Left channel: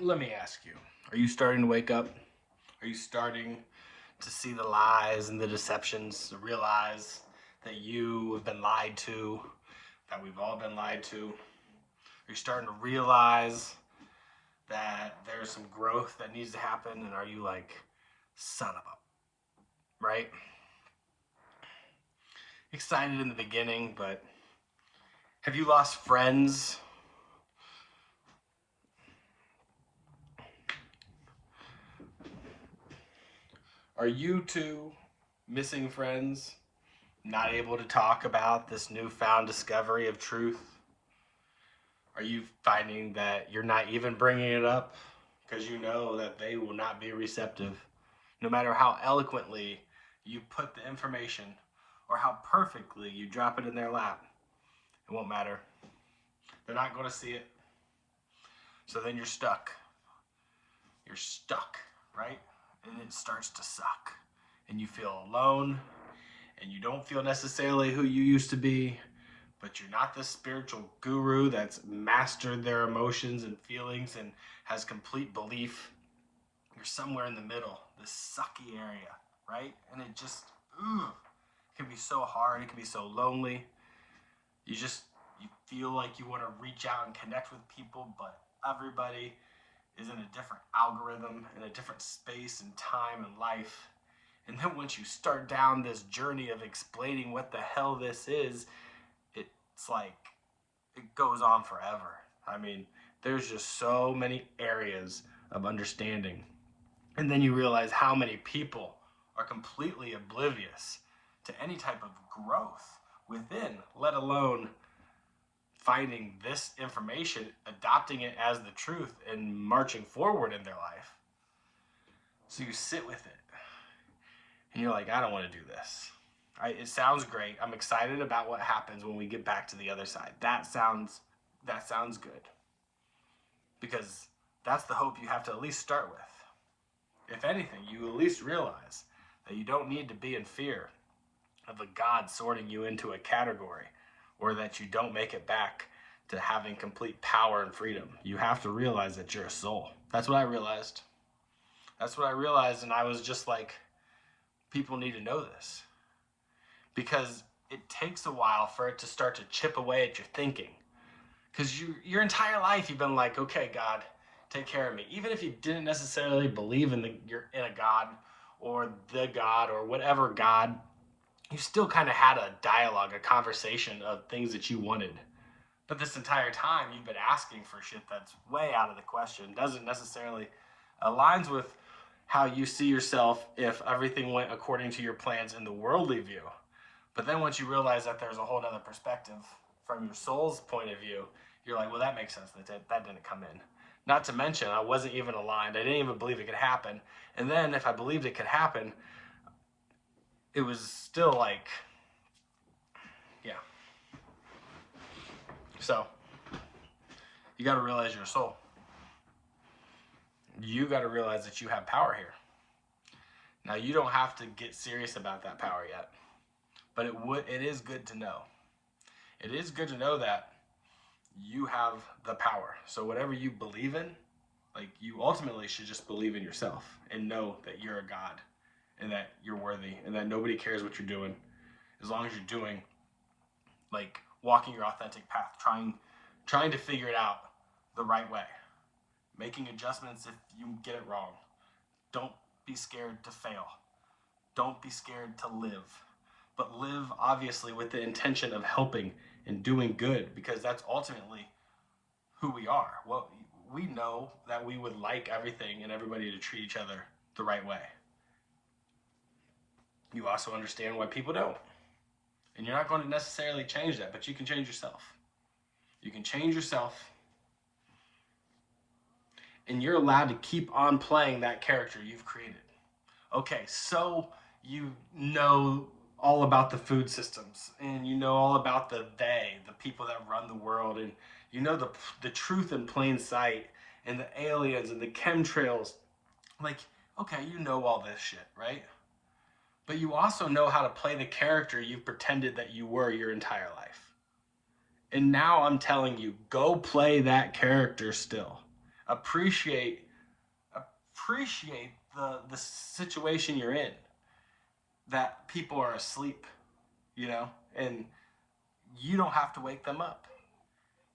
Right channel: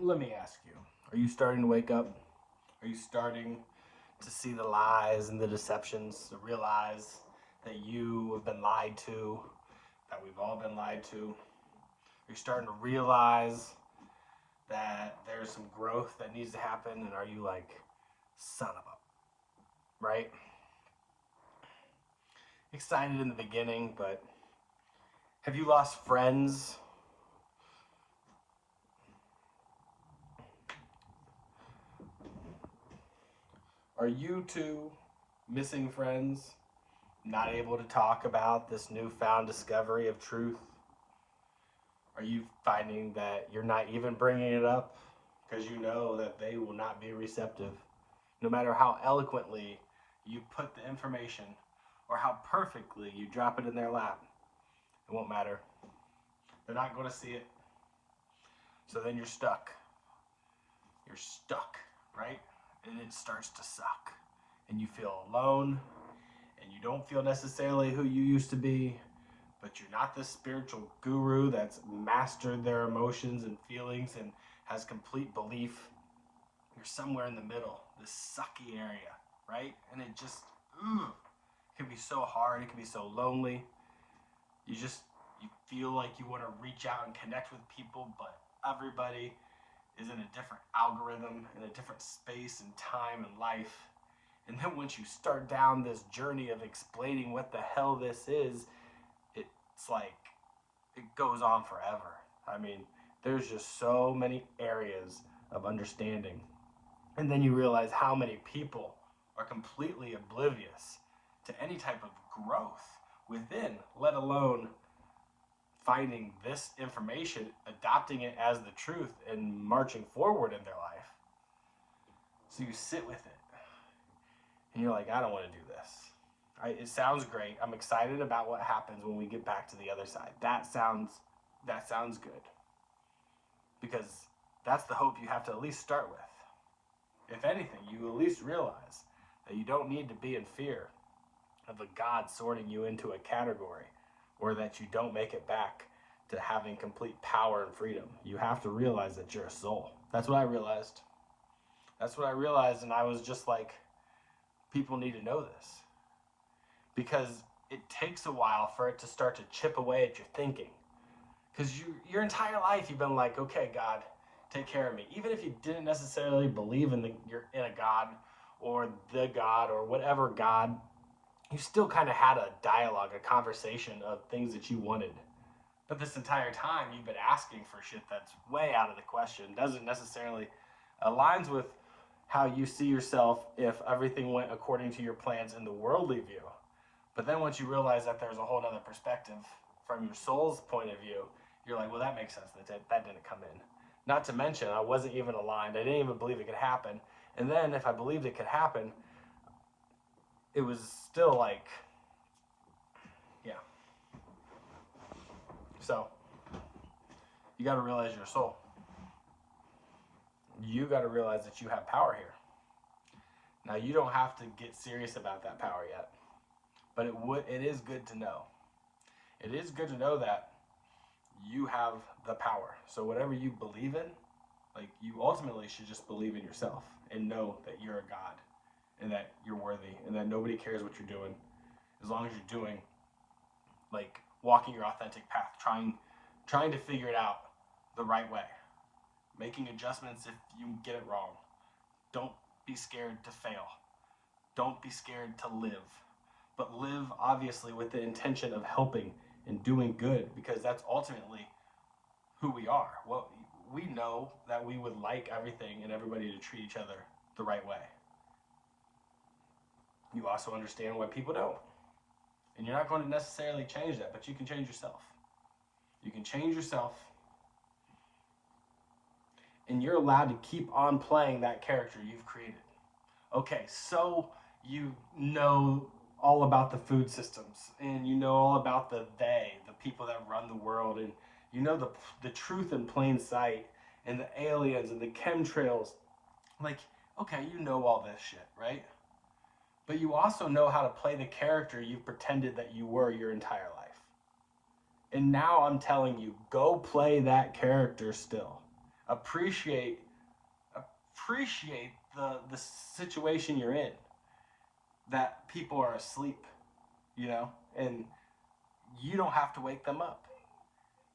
Let me ask you, are you starting to wake up? Are you starting to see the lies and the deceptions, to realize that you have been lied to, that we've all been lied to? Are you starting to realize that there's some growth that needs to happen? And are you like, son of a, right? Excited in the beginning, but have you lost friends? Are you two missing friends, not able to talk about this newfound discovery of truth? Are you finding that you're not even bringing it up because you know that they will not be receptive? No matter how eloquently you put the information or how perfectly you drop it in their lap, it won't matter. They're not going to see it. So then you're stuck. You're stuck, right? And it starts to suck. And you feel alone, and you don't feel necessarily who you used to be, but you're not this spiritual guru that's mastered their emotions and feelings and has complete belief. You're somewhere in the middle, this sucky area, right? And it just, can be so hard. It can be so lonely. You feel like you want to reach out and connect with people, but everybody is in a different algorithm, in a different space and time and life. And then once you start down this journey of explaining what the hell this is, it's like it goes on forever. I mean, there's just so many areas of understanding. And then you realize how many people are completely oblivious to any type of growth within, let alone finding this information, adopting it as the truth, and marching forward in their life. So you sit with it, and you're like, I don't want to do this. It sounds great. I'm excited about what happens when we get back to the other side. That sounds good, because that's the hope you have to at least start with. If anything, you at least realize that you don't need to be in fear of a God sorting you into a category, or that you don't make it back to having complete power and freedom. You have to realize that you're a soul. That's what I realized. That's what I realized, and I was just like, people need to know this. Because it takes a while for it to start to chip away at your thinking. Because your entire life you've been like, okay, God, take care of me. Even if you didn't necessarily believe you're in a God or the God or whatever God, you still kind of had a dialogue, a conversation of things that you wanted. But this entire time you've been asking for shit that's way out of the question, doesn't necessarily aligns with how you see yourself if everything went according to your plans in the worldly view. But then once you realize that there's a whole other perspective from your soul's point of view, you're like, well, that makes sense. That didn't come in. Not to mention, I wasn't even aligned. I didn't even believe it could happen. And then if I believed it could happen, it was still like, yeah. So you got to realize you're a soul. You got to realize that you have power here. Now, you don't have to get serious about that power yet, but it is good to know. It is good to know that you have the power. So whatever you believe in, like, you ultimately should just believe in yourself and know that you're a God and that you're worthy and that nobody cares what you're doing as long as you're doing, like, walking your authentic path, trying to figure it out the right way, making adjustments if you get it wrong. Don't be scared to fail. Don't be scared to live, but live obviously with the intention of helping and doing good, because that's ultimately who we are. Well, we know that we would like everything and everybody to treat each other the right way. You also understand why people don't. And you're not going to necessarily change that, but you can change yourself. You can change yourself, and you're allowed to keep on playing that character you've created. Okay, so you know all about the food systems, and you know all about the people that run the world, and you know the truth in plain sight, and the aliens and the chemtrails. Like, okay, you know all this shit, right? But you also know how to play the character you've pretended that you were your entire life. And now I'm telling you, go play that character still. Appreciate appreciate the situation you're in, that people are asleep, and you don't have to wake them up.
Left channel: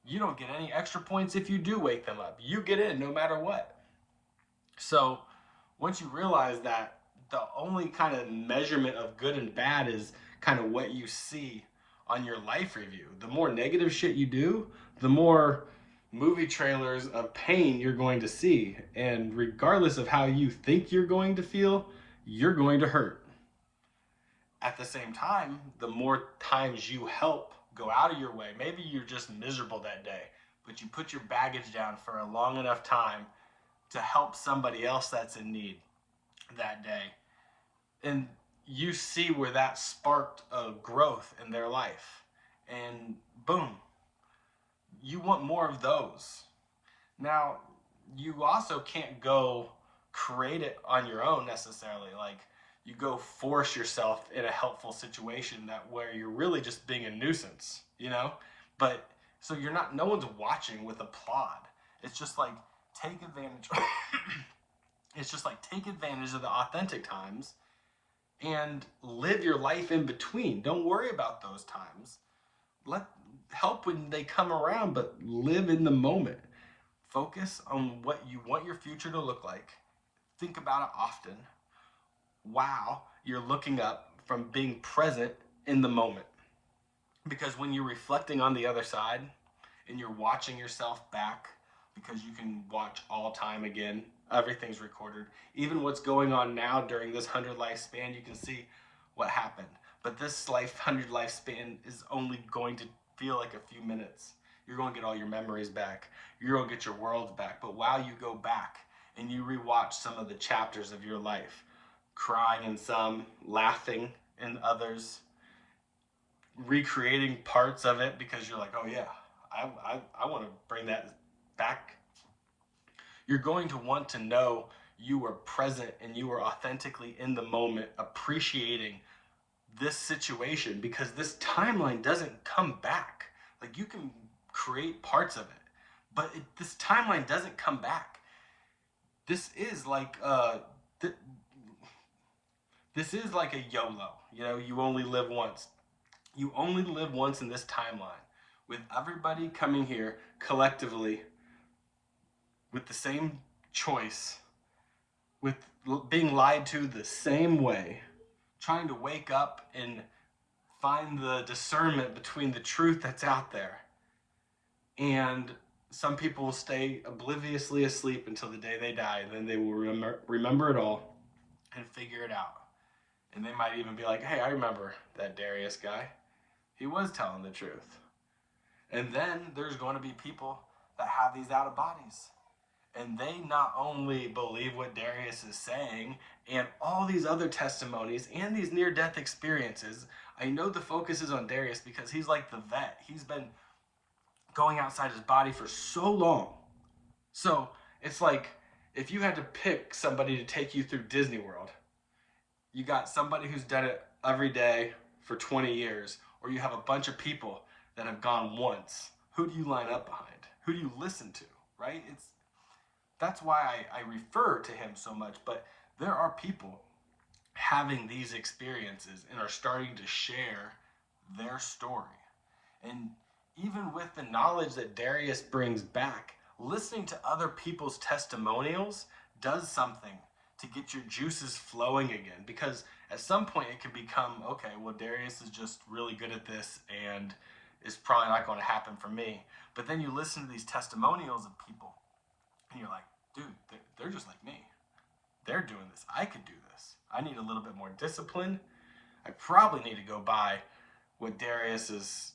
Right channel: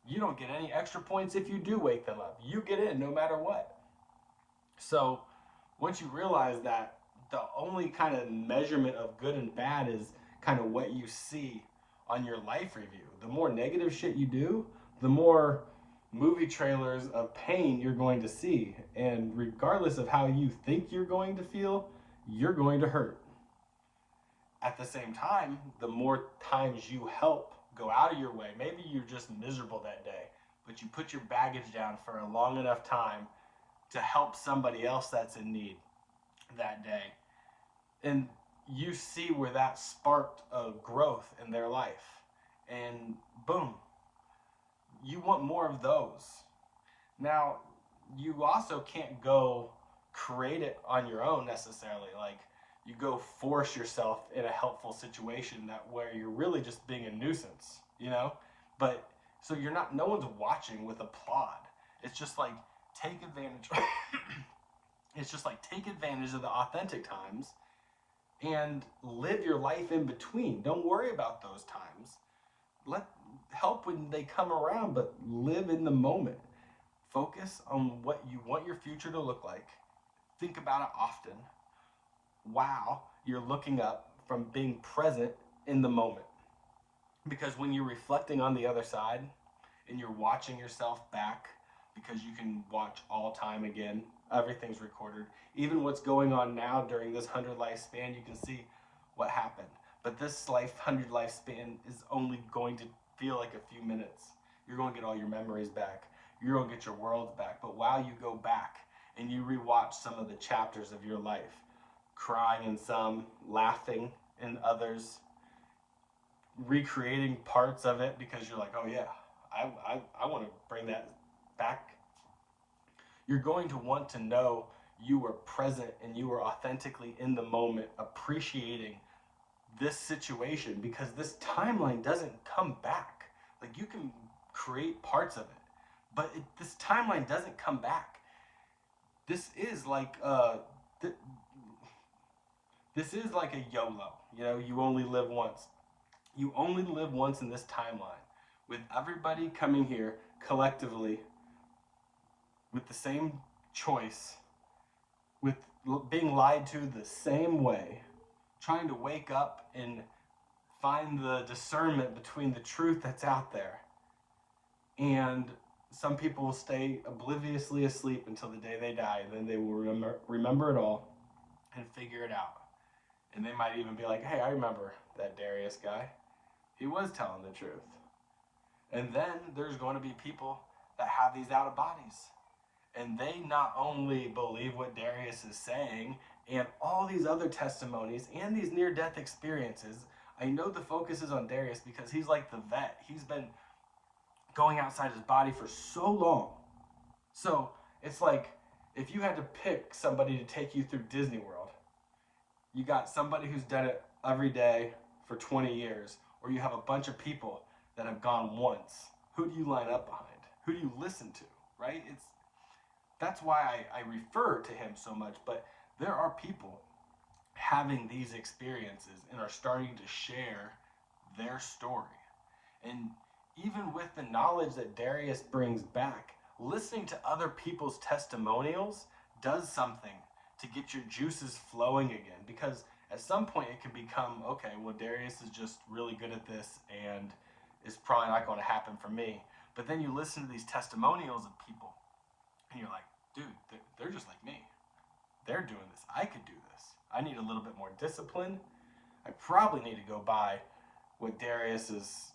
You don't get any extra points if you do wake them up. You get in no matter what. So once you realize that the only kind of measurement of good and bad is kind of what you see on your life review. The more negative shit you do, the more movie trailers of pain you're going to see. And regardless of how you think you're going to feel, you're going to hurt. At the same time, the more times you help go out of your way, maybe you're just miserable that day, but you put your baggage down for a long enough time to help somebody else that's in need that day. And you see where that sparked a growth in their life. And boom, you want more of those. Now, you also can't go create it on your own necessarily. Like, you go force yourself in a helpful situation that where you're really just being a nuisance, But so you're not, no one's watching with applaud. It's just like take advantage. It's just like take advantage of the authentic times and live your life in between. Don't worry about those times. Let help when they come around, but live in the moment. Focus on what you want your future to look like. Think about it often. Wow, you're looking up from being present in the moment. Because when you're reflecting on the other side and you're watching yourself back, because you can watch all time again, everything's recorded. Even what's going on now during this 100 lifespan, you can see what happened. But this 100 lifespan is only going to feel like a few minutes. You're going to get all your memories back. You're going to get your world back. But while you go back and you rewatch some of the chapters of your life, crying in some, laughing in others, recreating parts of it because you're like, oh yeah, I want to bring that back. You're going to want to know you were present and you were authentically in the moment, appreciating this situation, because this timeline doesn't come back. Like, you can create parts of it, but this timeline doesn't come back. This is like this is like a YOLO. You only live once. You only live once in this timeline, with everybody coming here collectively with the same choice, with being lied to the same way, trying to wake up and find the discernment between the truth that's out there. And some people will stay obliviously asleep until the day they die, and then they will remember it all and figure it out. And they might even be like, hey, I remember that Darius guy. He was telling the truth. And then there's going to be people that have these out of bodies. And they not only believe what Darius is saying and all these other testimonies and these near-death experiences. I know the focus is on Darius because he's like the vet. He's been going outside his body for so long. So it's like if you had to pick somebody to take you through Disney World, you got somebody who's done it every day for 20 years, or you have a bunch of people that have gone once. Who do you line up behind? Who do you listen to, right? That's why I refer to him so much. But there are people having these experiences and are starting to share their story. And even with the knowledge that Darius brings back, listening to other people's testimonials does something to get your juices flowing again. Because at some point it can become, okay, well, Darius is just really good at this and it's probably not going to happen for me. But then you listen to these testimonials of people and you're like, dude, they're just like me. They're doing this. I could do this. I need a little bit more discipline. I probably need to go buy what Darius is,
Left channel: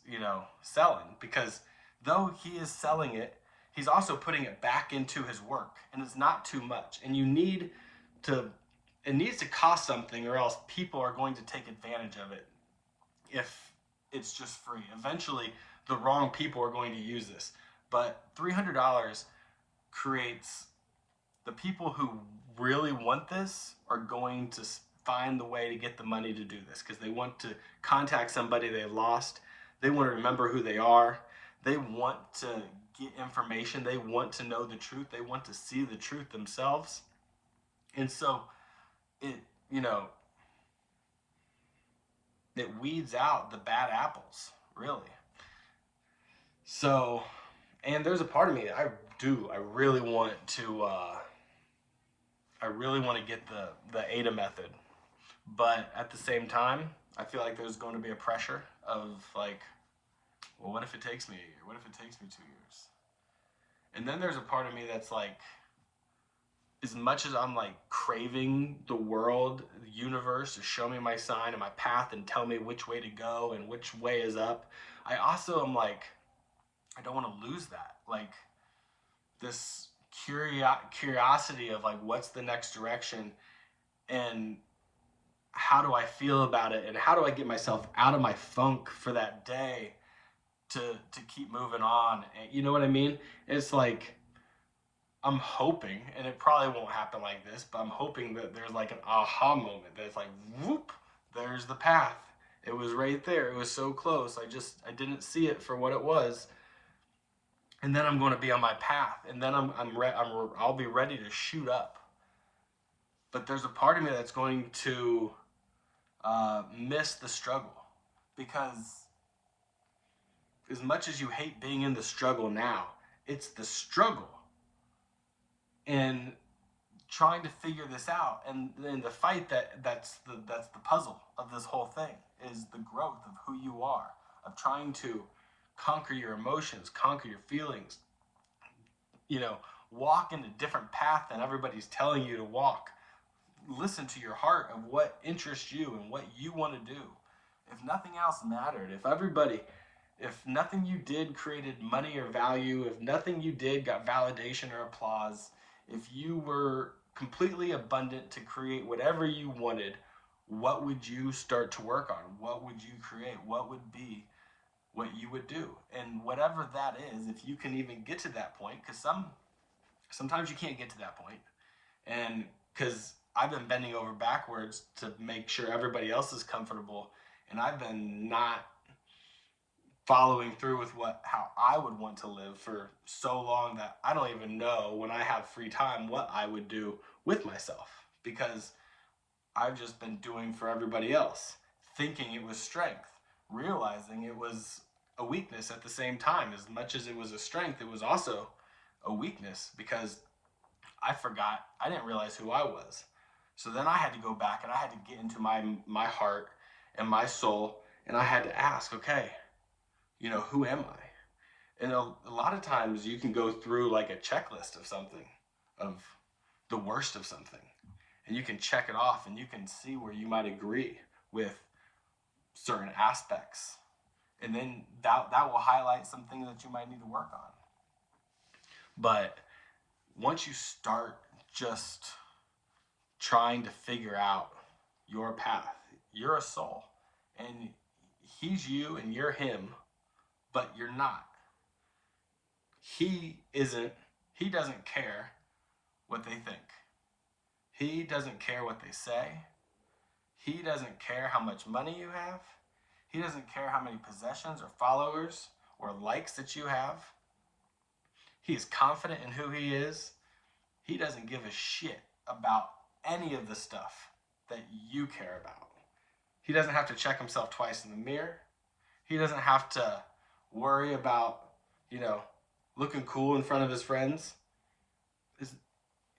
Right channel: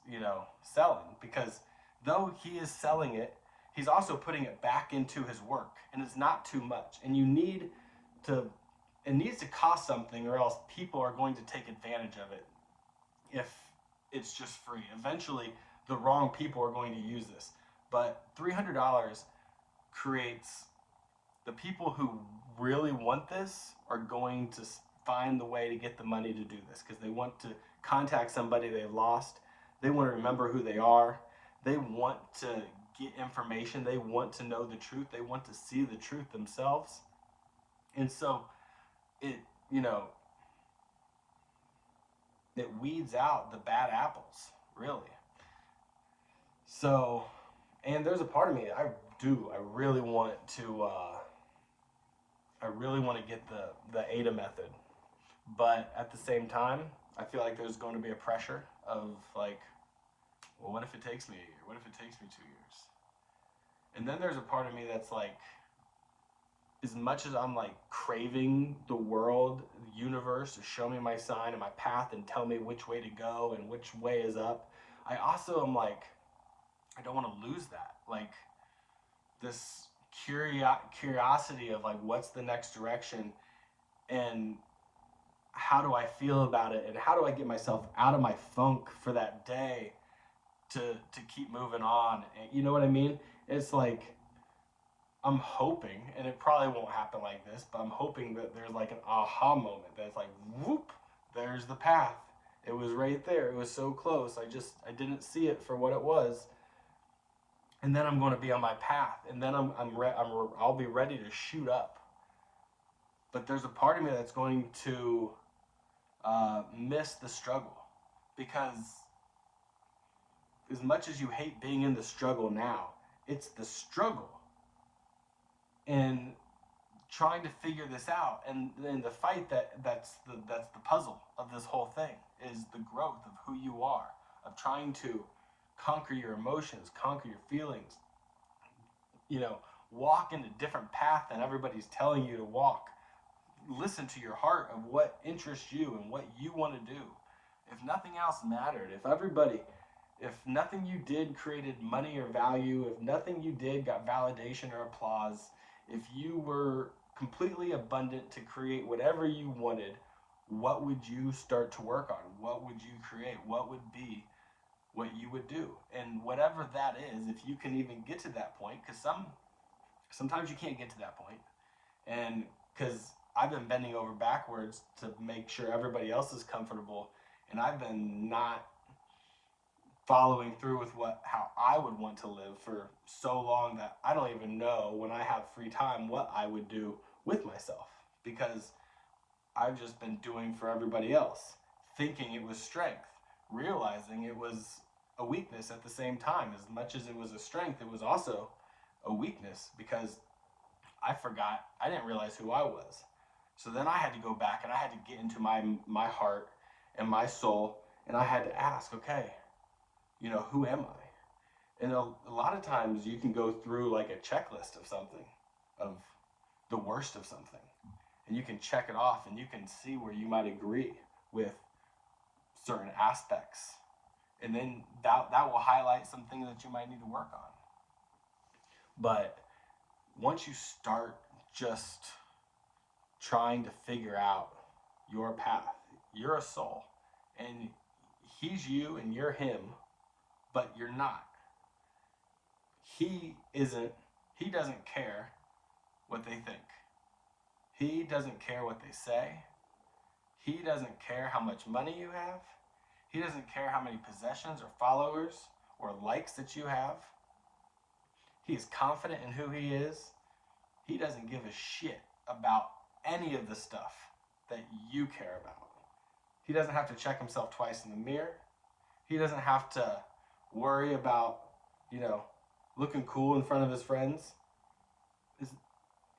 selling, because though he is selling it, he's also putting it back into his work, and it's not too much. And it needs to cost something, or else people are going to take advantage of it if it's just free. Eventually, the wrong people are going to use this. But $300 creates the people who really want this are going to find the way to get the money to do this, because they want to contact somebody they lost. They want to remember who they are. They want to get information. They want to know the truth. They want to see the truth themselves. And so it, you know, it weeds out the bad apples, really. So, and there's a part of me that I really want to, get the ADA method. But at the same time, I feel like there's going to be a pressure of like, well, what if it takes me a year? What if it takes me 2 years? And then there's a part of me that's like, as much as I'm like craving the world, the universe to show me my sign and my path and tell me which way to go and which way is up, I also am like, I don't want to lose that. Like this curiosity of like, what's the next direction and how do I feel about it and how do I get myself out of my funk for that day to keep moving on. You know what I mean? It's like, I'm hoping, and it probably won't happen like this, but I'm hoping that there's like an aha moment that it's like, whoop, there's the path. It was right there. It was so close. I didn't see it for what it was. And then I'm going to be on my path, and then I'll be ready to shoot up. But there's a part of me that's going to miss the struggle, because as much as you hate being in the struggle now, it's the struggle and trying to figure this out, and then the fight that's the puzzle of this whole thing is the growth of who you are, of trying to conquer your emotions, conquer your feelings, walk in a different path than everybody's telling you to walk. Listen to your heart of what interests you and what you want to do. If nothing else mattered, if nothing you did created money or value, if nothing you did got validation or applause, if you were completely abundant to create whatever you wanted, what would you start to work on? What would you create? What would be what you would do? And whatever that is, if you can even get to that point, because sometimes you can't get to that point, and because I've been bending over backwards to make sure everybody else is comfortable, and I've been not following through with how I would want to live for so long that I don't even know when I have free time what I would do with myself, because I've just been doing for everybody else, thinking it was strength, realizing it was a weakness at the same time. As much as it was a strength, it was also a weakness, because I didn't realize who I was. So then I had to go back and I had to get into my heart and my soul, and I had to ask, okay, who am I? And a lot of times you can go through like a checklist of something, of the worst of something, and you can check it off and you can see where you might agree with certain aspects. And then that will highlight some things that you might need to work on. But once you start just trying to figure out your path, you're a soul, and he's you and you're him, but you're not. He doesn't care what they think. He doesn't care what they say. He doesn't care how much money you have. He doesn't care how many possessions or followers or likes that you have. He is confident in who he is. He doesn't give a shit about any of the stuff that you care about. He doesn't have to check himself twice in the mirror. He doesn't have to worry about, looking cool in front of his friends.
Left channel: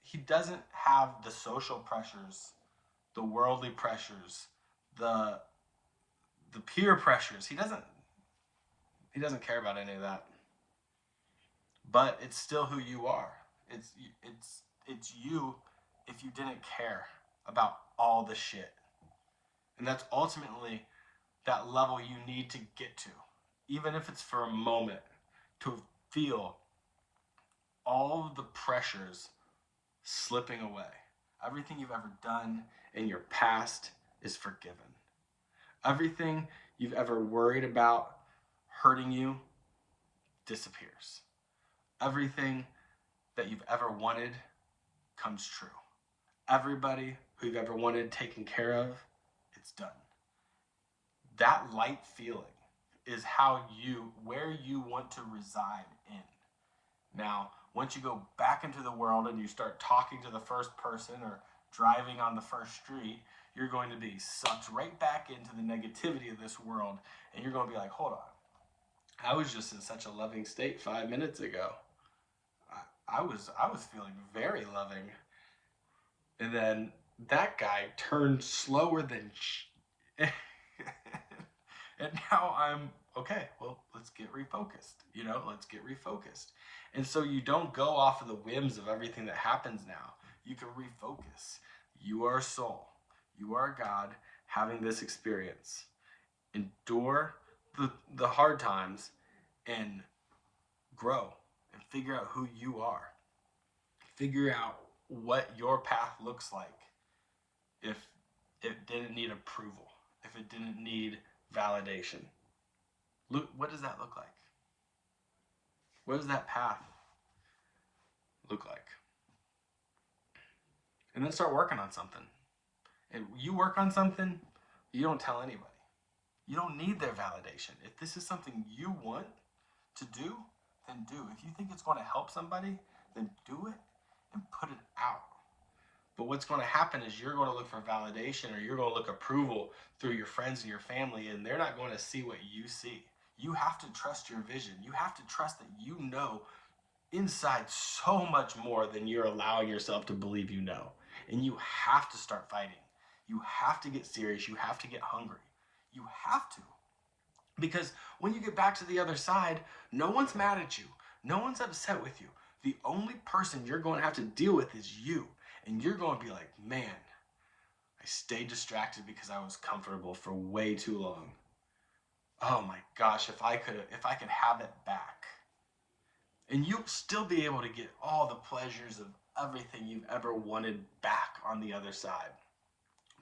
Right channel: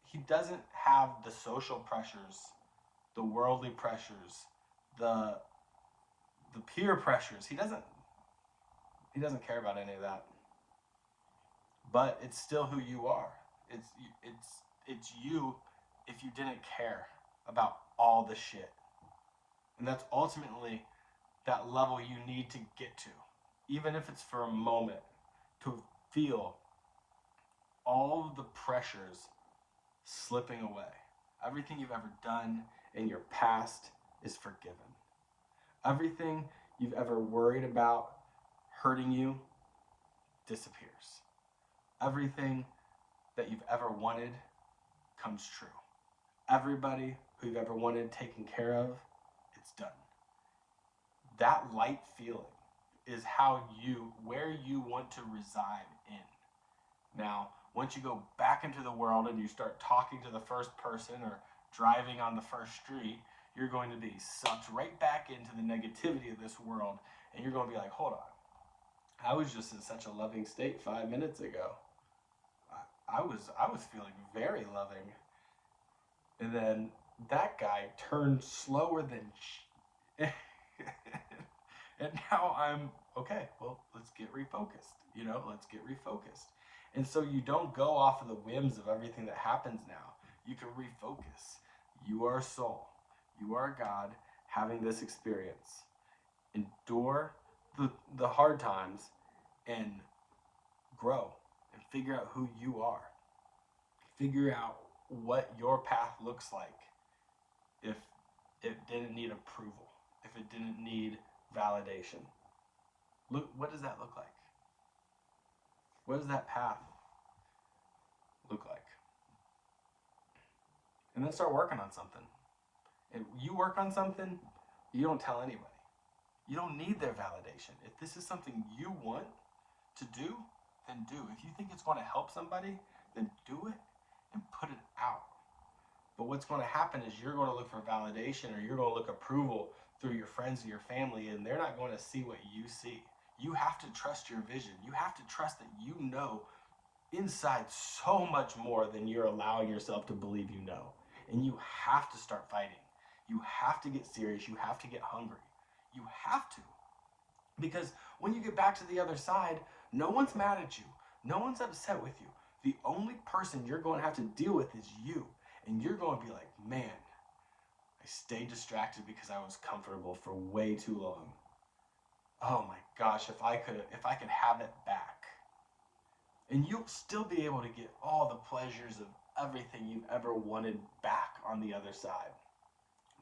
He doesn't have the social pressures, the worldly pressures, the peer pressures. He doesn't care about any of that. But it's still who you are. It's you if you didn't care about all the shit. And that's ultimately that level you need to get to, even if it's for a moment, to feel all of the pressures slipping away. Everything you've ever done in your past is forgiven. Everything you've ever worried about hurting you disappears. Everything that you've ever wanted comes true. Everybody who you've ever wanted taken care of, it's done. That light feeling is where you want to reside in. Now, once you go back into the world and you start talking to the first person or driving on the first street, you're going to be sucked right back into the negativity of this world, and you're going to be like, hold on, I was just in such a loving state 5 minutes ago. I was feeling very loving, and then that guy turned slower than and now I'm okay. Well, let's get refocused. Let's get refocused. And so you don't go off of the whims of everything that happens now. You can refocus. You are a soul. You are a God having this experience. Endure the hard times and grow and figure out who you are. Figure out what your path looks like if it didn't need approval, if it didn't need validation. Look, what does that look like? What does that path look like? And then start working on something. And you work on something, you don't tell anybody. You don't need their validation. If this is something you want to do, then do. If you think it's going to help somebody, then do it and put it out. But what's going to happen is you're going to look for validation, or you're going to look approval through your friends and your family, and they're not going to see what you see. You have to trust your vision. You have to trust that you know inside so much more than you're allowing yourself to believe you know. And you have to start fighting. You have to get serious. You have to get hungry. You have to. Because when you get back to the other side, no one's mad at you. No one's upset with you. The only person you're going to have to deal with is you. And you're going to be like, man, I stayed distracted because I was comfortable for way too long. Oh my gosh, if I could have it back. And you'll still be able to get all the pleasures of everything you've ever wanted back on the other side.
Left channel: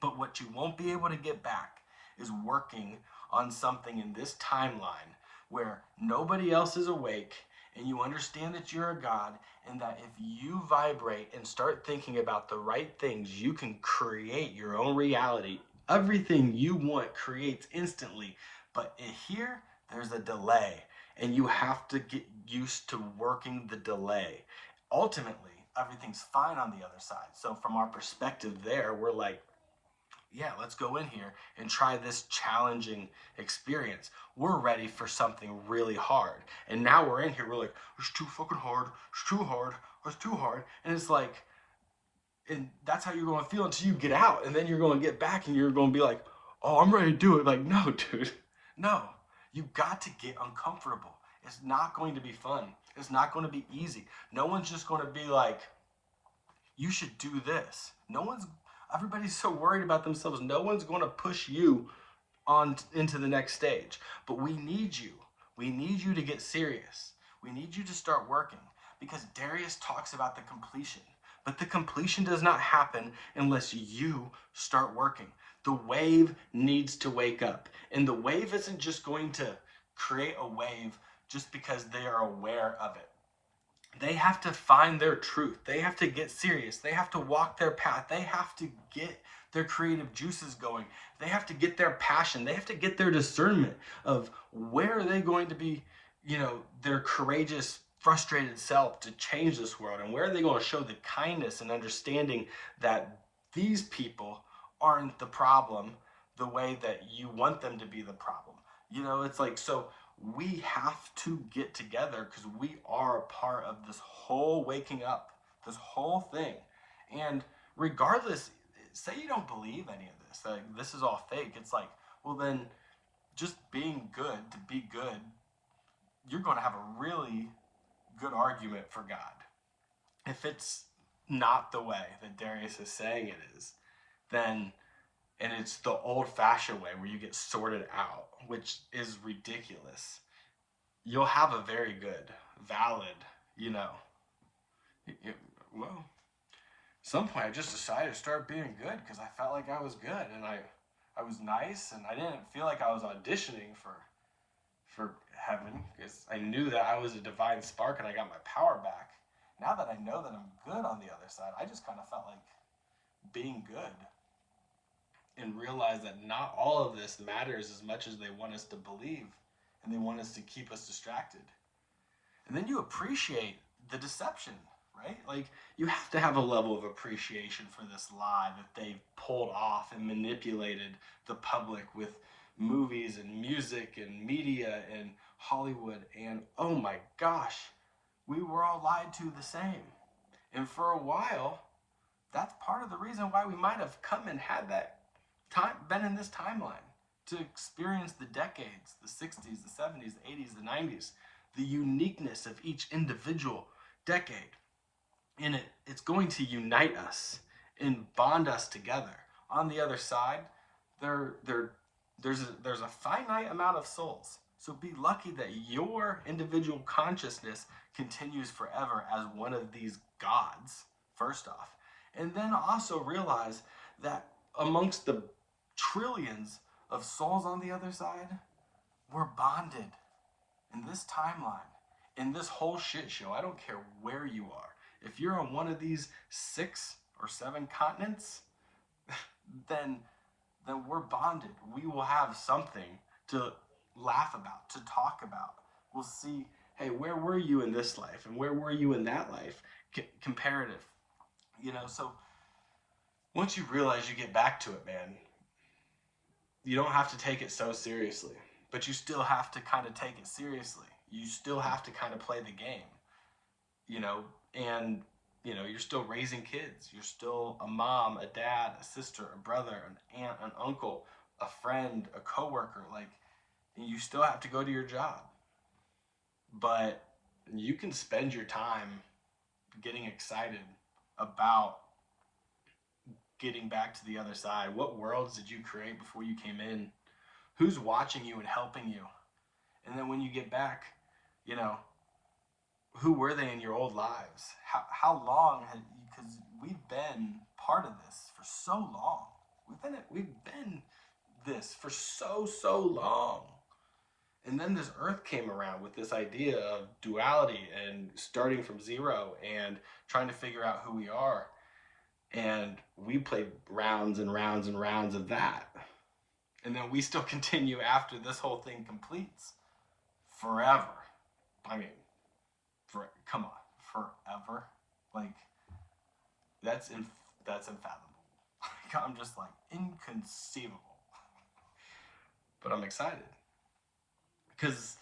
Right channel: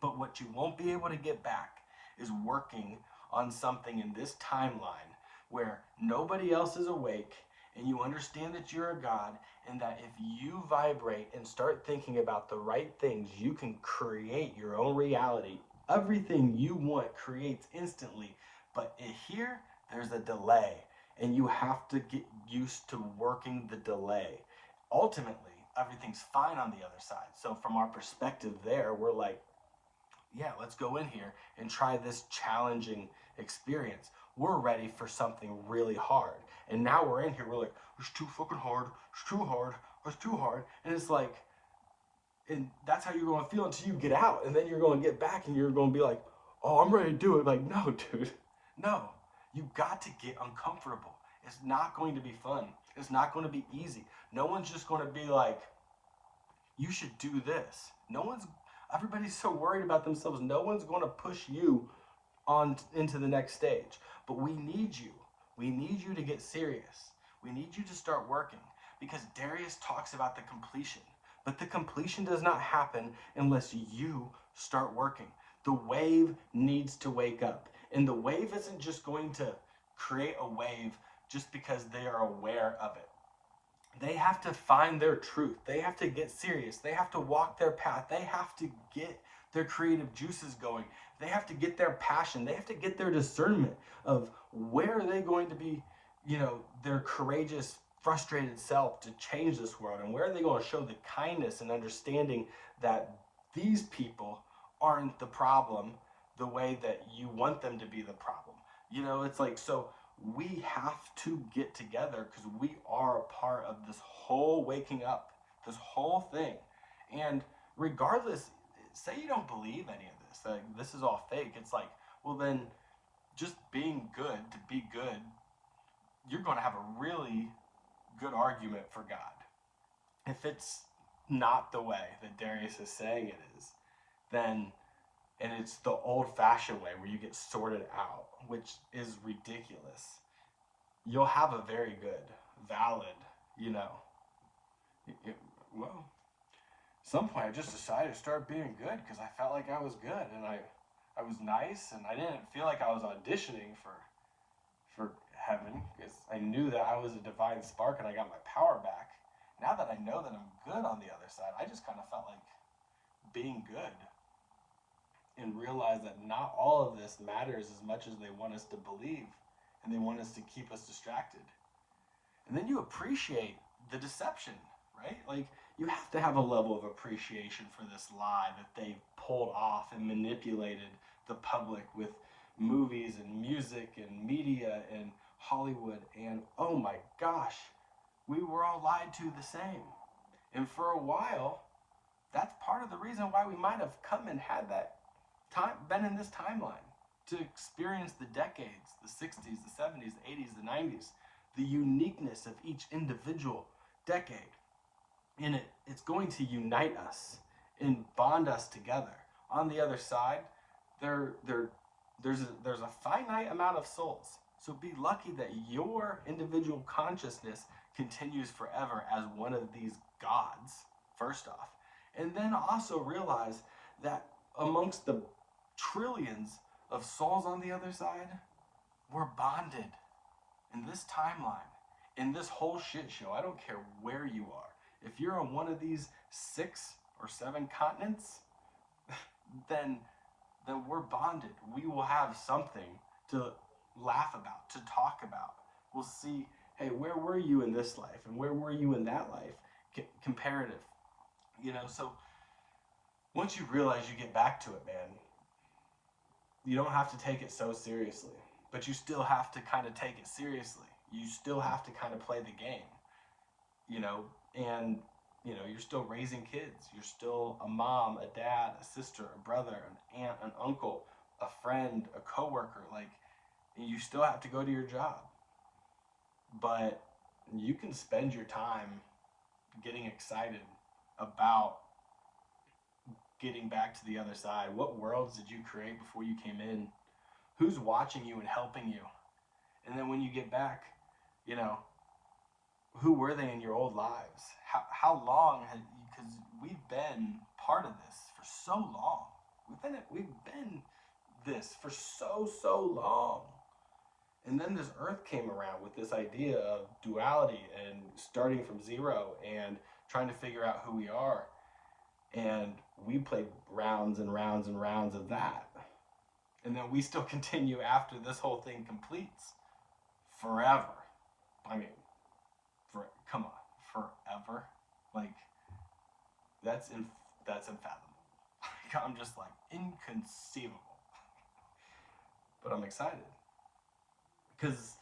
But what you won't be able to get back is working on something in this timeline where nobody else is awake, and you understand that you're a God, and that if you vibrate and start thinking about the right things, you can create your own reality. Everything you want creates instantly. But here, there's a delay, and you have to get used to working the delay. Ultimately, everything's fine on the other side. So from our perspective there, we're like, yeah, let's go in here and try this challenging experience. We're ready for something really hard. And now we're in here, we're like, it's too fucking hard, it's too hard, it's too hard. And it's like, and that's how you're going to feel until you get out. And then you're going to get back and you're going to be like, oh, I'm ready to do it. Like, no, dude, no. You got to get uncomfortable. It's not going to be fun. It's not going to be easy. No one's just going to be like, you should do this. Everybody's so worried about themselves. No one's going to push you on into the next stage. But we need you. We need you to get serious. We need you to start working, because Darius talks about the completion. But the completion does not happen unless you start working. The wave needs to wake up. And the wave isn't just going to create a wave just because they are aware of it. They have to find their truth. They have to get serious. They have to walk their path. They have to get their creative juices going. They have to get their passion. They have to get their discernment of where are they going to be, their courageous, frustrated self to change this world, and where are they going to show the kindness and understanding that these people aren't the problem the way that you want them to be the problem. It's like, so we have to get together because we are a part of this whole waking up, this whole thing. And regardless, say you don't believe any of this, like this is all fake. It's like, well, then just being good to be good, you're going to have a really good argument for God. If it's not the way that Darius is saying it is, then, and it's the old-fashioned way where you get sorted out, which is ridiculous, you'll have a very good, valid, well, at some point I just decided to start being good because I felt like I was good, and I was nice, and I didn't feel like I was auditioning for heaven, because I knew that I was a divine spark and I got my power back. Now that I know that I'm good on the other side, I just kind of felt like being good, and realize that not all of this matters as much as they want us to believe, and they want us to keep us distracted. And then you appreciate the deception, right? Like, you have to have a level of appreciation for this lie that they've pulled off and manipulated the public with movies and music and media and Hollywood. And oh my gosh, we were all lied to the same. And for a while, that's part of the reason why we might have come and had that time, been in this timeline, to experience the decades, the 60s, the 70s, the 80s, the 90s, the uniqueness of each individual decade. And it's going to unite us and bond us together. On the other side, there's a finite amount of souls. So be lucky that your individual consciousness continues forever as one of these gods, first off. And then also realize that amongst the trillions of souls on the other side, we're bonded in this timeline, in this whole shit show. I don't care where you are. If you're on one of these 6 or 7 continents, then we're bonded. We will have something to laugh about, to talk about. We'll see, hey, where were you in this life? And where were you in that life? Comparative. So once you realize, you get back to it, man, you don't have to take it so seriously. But you still have to kind of take it seriously. You still have to kind of play the game. And you're still raising kids. You're still a mom, a dad, a sister, a brother, an aunt, an uncle, a friend, a coworker. Like, you still have to go to your job. But you can spend your time getting excited about getting back to the other side. What worlds did you create before you came in? Who's watching you and helping you? And then when you get back, who were they in your old lives? How long had you, because we've been part of this for so long. We've been this for so long. And then this earth came around with this idea of duality and starting from zero and trying to figure out who we are. And we played rounds and rounds and rounds of that. And then we still continue after this whole thing completes forever. I mean, come on, forever. Like, that's unfathomable. I'm just like, inconceivable. But I'm excited. Because,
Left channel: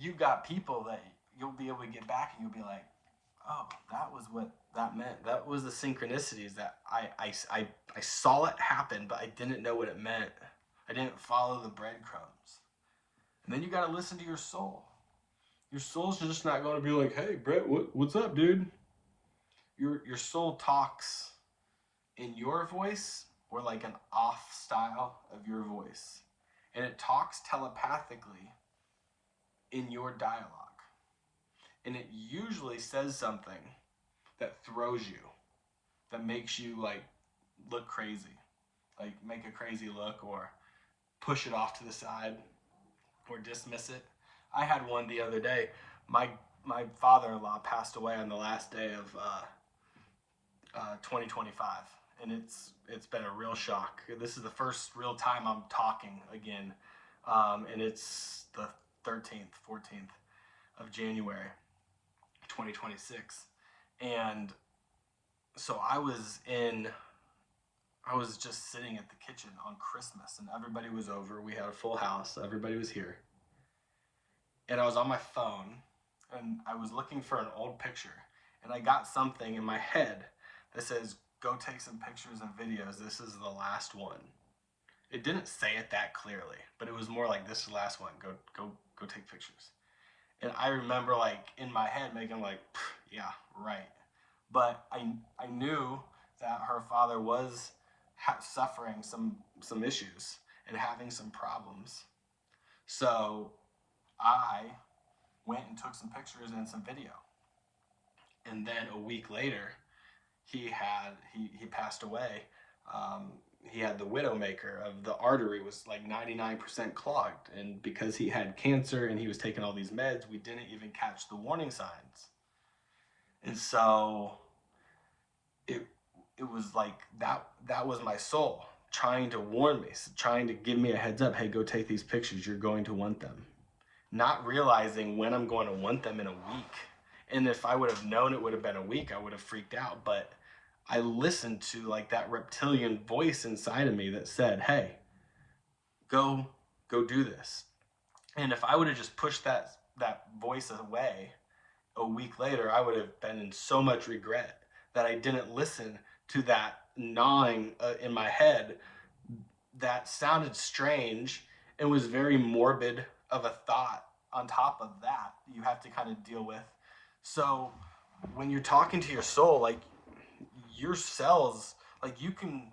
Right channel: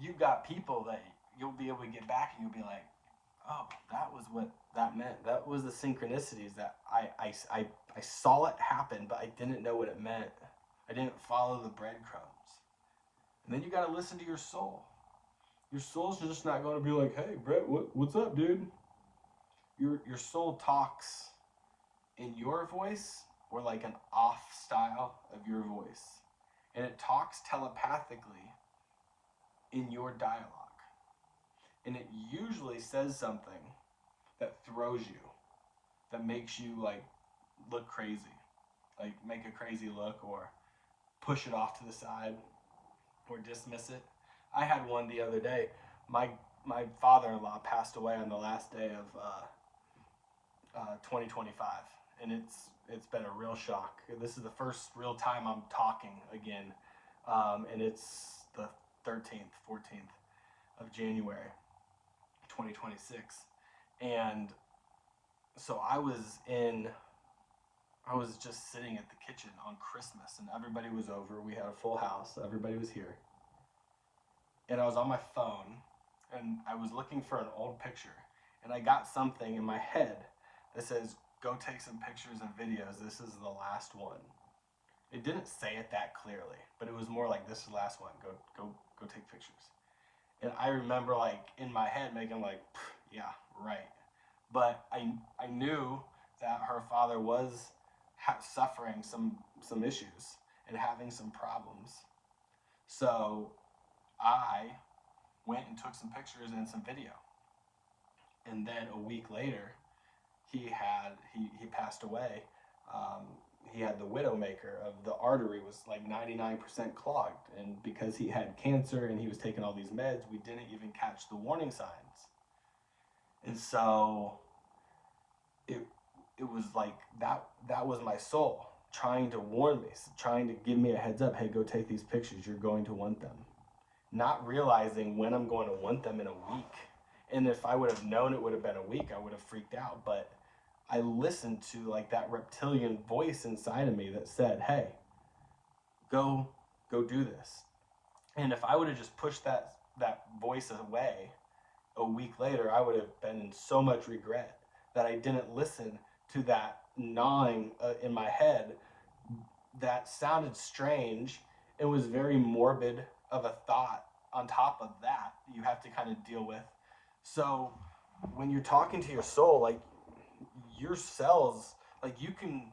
you've got people that you'll be able to get back and you'll be like, oh, that was what that meant. That was the synchronicities that I saw it happen, but I didn't know what it meant. I didn't follow the breadcrumbs. And then you got to listen to your soul. Your soul's just not going to be like, hey, Brett, what's up, dude? Your soul talks in your voice, or like an off style of your voice. And it talks telepathically in your dialogue. And it usually says something that throws you, that makes you like look crazy, like make a crazy look, or push it off to the side, or dismiss it. I had one the other day. My father-in-law passed away on the last day of 2025, and it's been a real shock. This is the first real time I'm talking again, and it's the 13th, 14th of January, 2026, and so I was just sitting at the kitchen on Christmas, and everybody was over. We had a full house. Everybody was here. And I was on my phone, and I was looking for an old picture, and I got something in my head that says, go take some pictures and videos. This is the last one. It didn't say it that clearly, but it was more like, this is the last one. Go take pictures. And I remember, like, in my head making like, yeah, right. But I knew that her father was suffering some issues and having some problems. So I went and took some pictures and some video. And then a week later, he passed away. He had the widowmaker of the artery was like 99% clogged. And because he had cancer and he was taking all these meds, we didn't even catch the warning signs. And so it was like that was my soul trying to warn me, trying to give me a heads up. Hey, go take these pictures. You're going to want them. not realizing when I'm going to want them in a week. And if I would have known it would have been a week, I would have freaked out. But I listened to like that reptilian voice inside of me that said, hey, go do this. And if I would have just pushed that voice away a week later, I would have been in so much regret that I didn't listen to that gnawing in my head that sounded strange and was very morbid of a thought on top of that you have to kind of deal with. So when you're talking to your soul, like your cells, like you can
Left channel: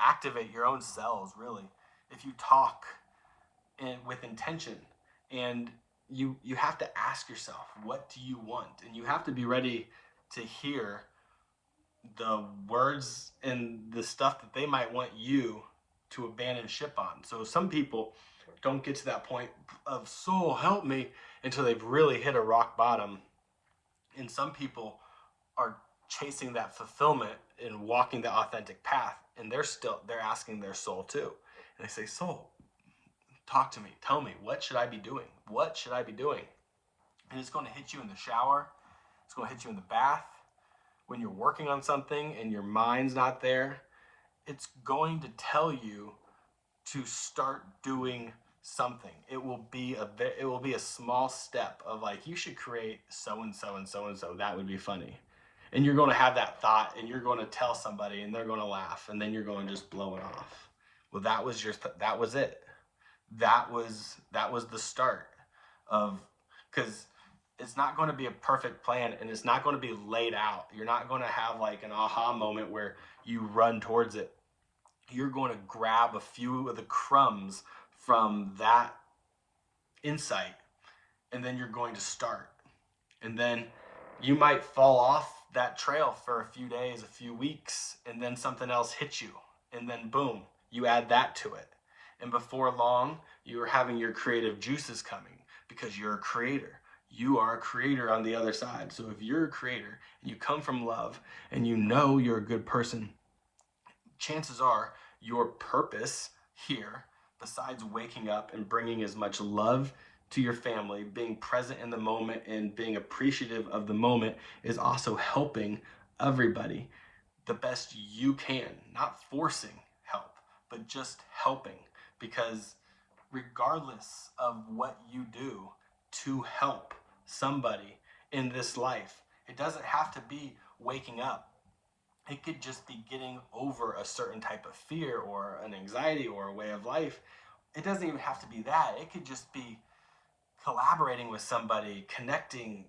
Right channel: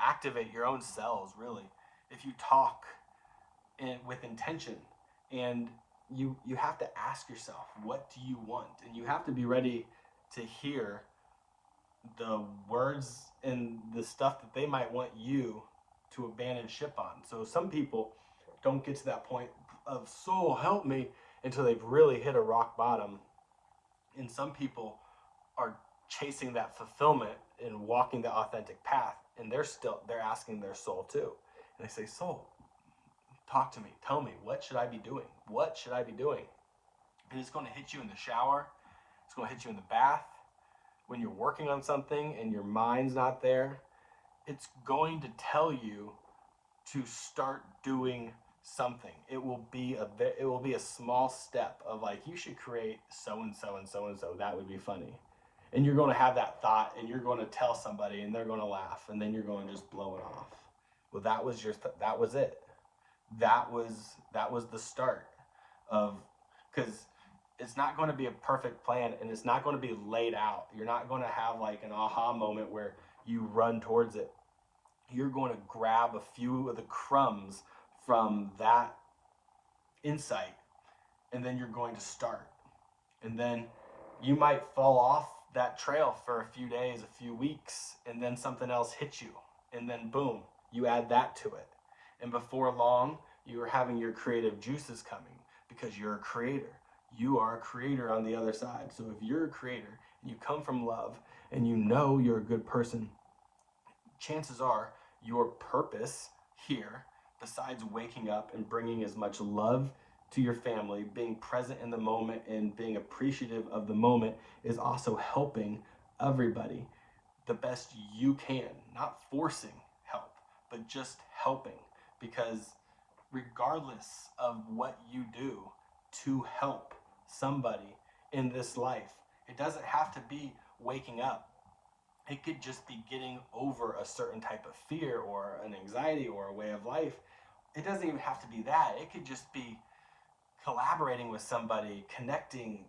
activate your own cells really if you talk with intention. And you have to ask yourself, what do you want? And you have to be ready to hear the words and the stuff that they might want you to abandon ship on. So some people don't get to that point of soul help me until they've really hit a rock bottom. And some people are chasing that fulfillment and walking the authentic path, and they're asking their soul too. And they say, soul, talk to me, tell me, what should I be doing? What should I be doing? And it's going to hit you in the shower, it's going to hit you in the bath, when you're working on something and your mind's not there. It's going to tell you to start doing something. It will be a small step of like, you should create so and so and so and so. That would be funny. And you're going to have that thought, and you're going to tell somebody, and they're going to laugh, and then you're going to just blow it off. Well, that was that was it. That was the start of, because it's not going to be a perfect plan, and it's not going to be laid out. You're not going to have like an aha moment where you run towards it. You're going to grab a few of the crumbs from that insight, and then you're going to start. And then you might fall off that trail for a few days, a few weeks, and then something else hits you, and then boom, you add that to it. And before long, you're having your creative juices coming, because you're a creator. You are a creator on the other side. So if you're a creator and you come from love and you know you're a good person, chances are your purpose here, besides waking up and bringing as much love to your family, being present in the moment and being appreciative of the moment, is also helping everybody the best you can. Not forcing help, but just helping. Because regardless of what you do to help somebody in this life, it doesn't have to be waking up. It could just be getting over a certain type of fear or an anxiety or a way of life. It doesn't even have to be that. It could just be collaborating with somebody, connecting.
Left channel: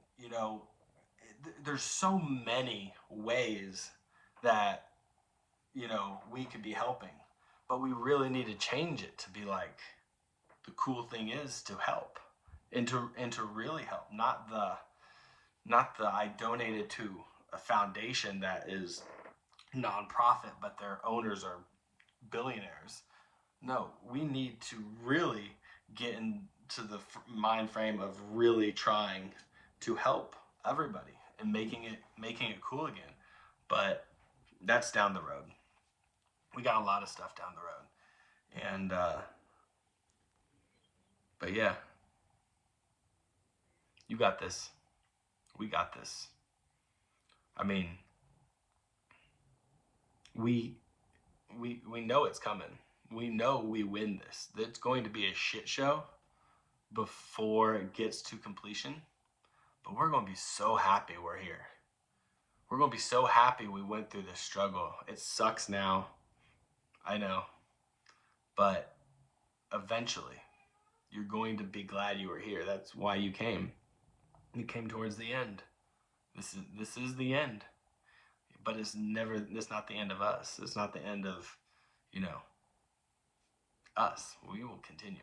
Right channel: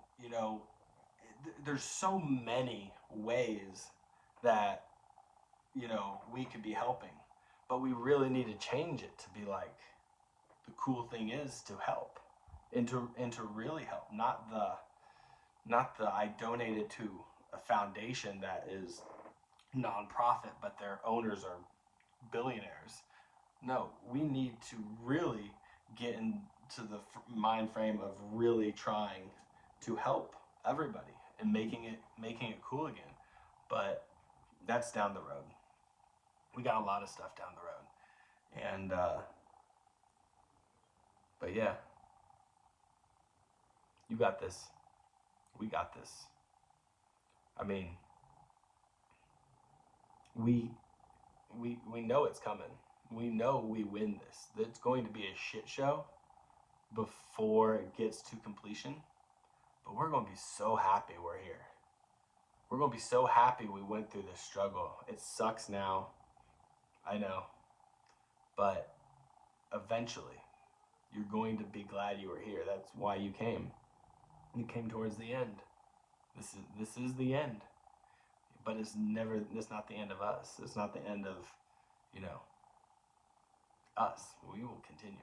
There's so many ways that we could be helping, but we really need to change it to be like, the cool thing is to help, and to really help, not the I donated to a foundation that is nonprofit but their owners are billionaires. No, we need to really get into the mind frame of really trying to help everybody and making it cool again. But that's down the road. We got a lot of stuff down the road. And but yeah, you got this. We got this. I mean, we know it's coming. We know we win this. It's going to be a shit show before it gets to completion. But we're going to be so happy we're here. We're going to be so happy we went through this struggle. It sucks now. I know. But eventually, you're going to be glad you were here. That's why you came. You came towards the end. This is the end. But it's not the end of us. It's not the end of, us. We will continue.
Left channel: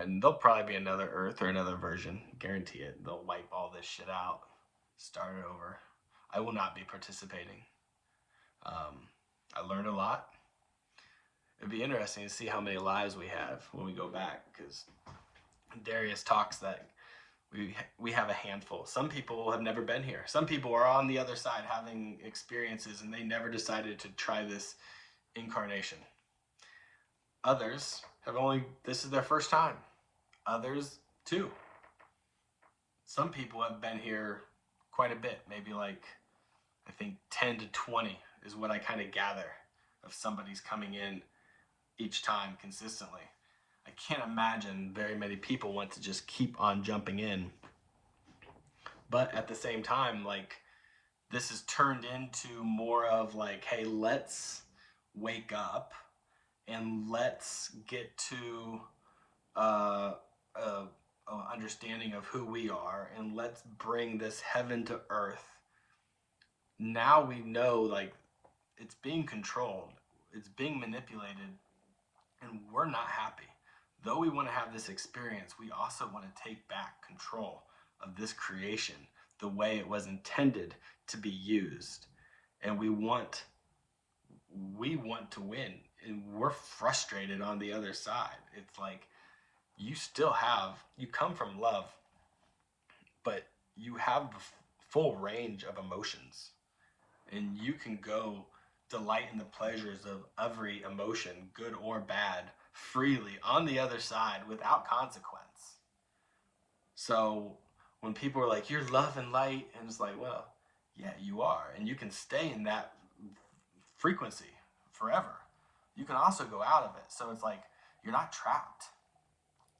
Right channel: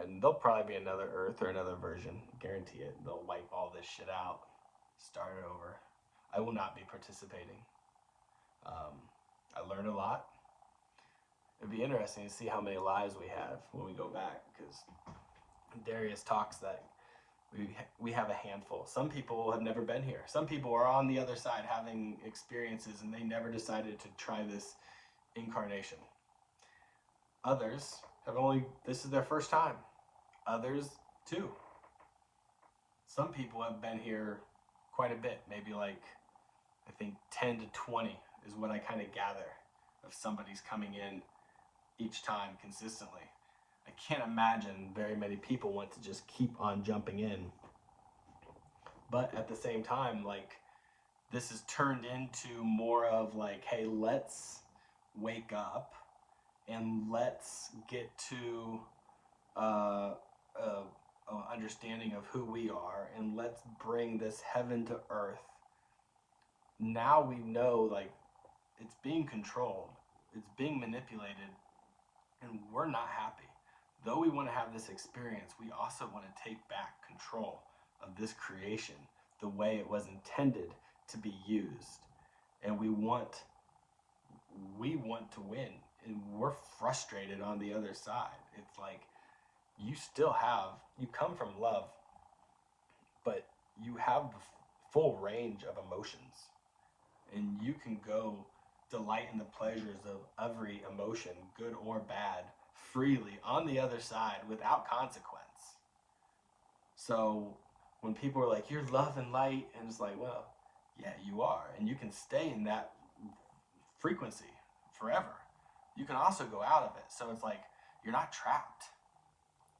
And there'll probably be another Earth or another version. Guarantee it. They'll wipe all this shit out. Start it over. I will not be participating. I learned a lot. It'd be interesting to see how many lives we have when we go back, because Darius talks that we have a handful. Some people have never been here. Some people are on the other side having experiences, and they never decided to try this incarnation. Others this is their first time. Others too. Some people have been here quite a bit, maybe like, I think 10 to 20 is what I kind of gather of somebody's coming in each time consistently. I can't imagine very many people want to just keep on jumping in. But at the same time, like, this is turned into more of like, hey, let's wake up and let's get to understanding of who we are, and let's bring this heaven to earth. Now we know, like, it's being controlled, it's being manipulated, and we're not happy. Though we want to have this experience, we also want to take back control of this creation the way it was intended to be used. And we want to win, and we're frustrated on the other side. It's like, you come from love, but you have the full range of emotions, and you can go delight in the pleasures of every emotion, good or bad, freely on the other side without consequence. So when people are like, you're love and light, and it's like, well, yeah, you are, and you can stay in that frequency forever. You can also go out of it. So it's like, you're not trapped.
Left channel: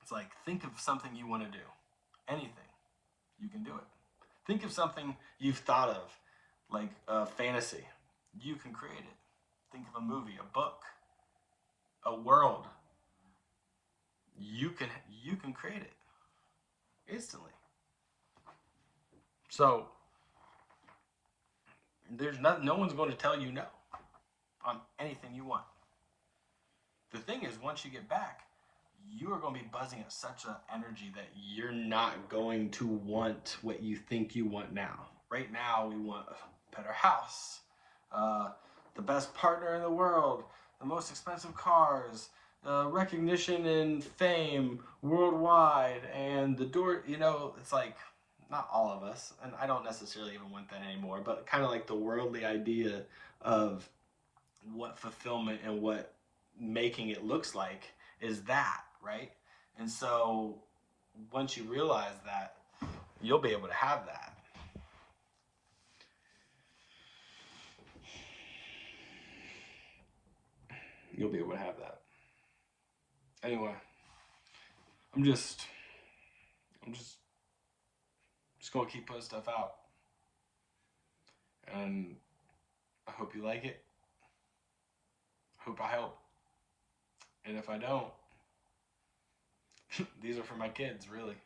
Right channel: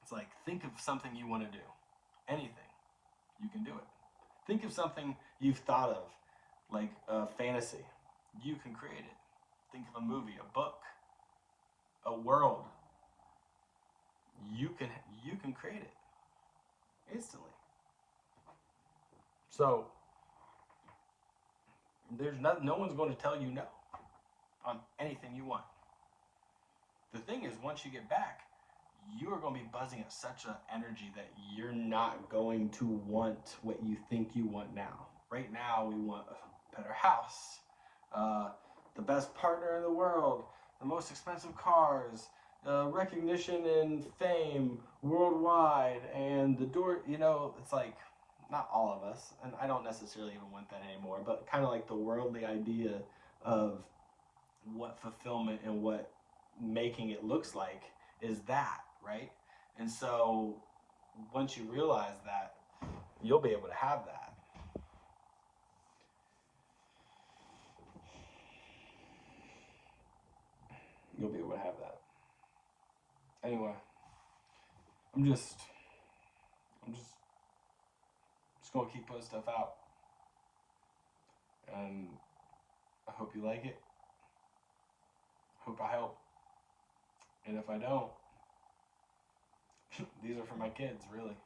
It's like, think of something you want to do. Anything. You can do it. Think of something you've thought of, like a fantasy. You can create it. Think of a movie, a book, a world. You can create it instantly. So no one's going to tell you no on anything you want. The thing is, once you get back, you are going to be buzzing at such an energy that you're not going to want what you think you want now. Right now, we want a better house, the best partner in the world, the most expensive cars, recognition and fame worldwide, and the door, it's like, not all of us, and I don't necessarily even want that anymore, but kind of like the worldly idea of what fulfillment and what making it looks like is that, right? And so once you realize that, you'll be able to have that. You'll be able to have that. Anyway, I'm just gonna keep putting stuff out, and I hope you like it. Hope I help. And if I don't, these are for my kids, really,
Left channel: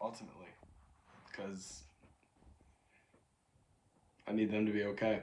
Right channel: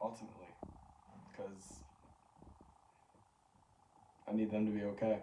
ultimately, because I need them to be okay.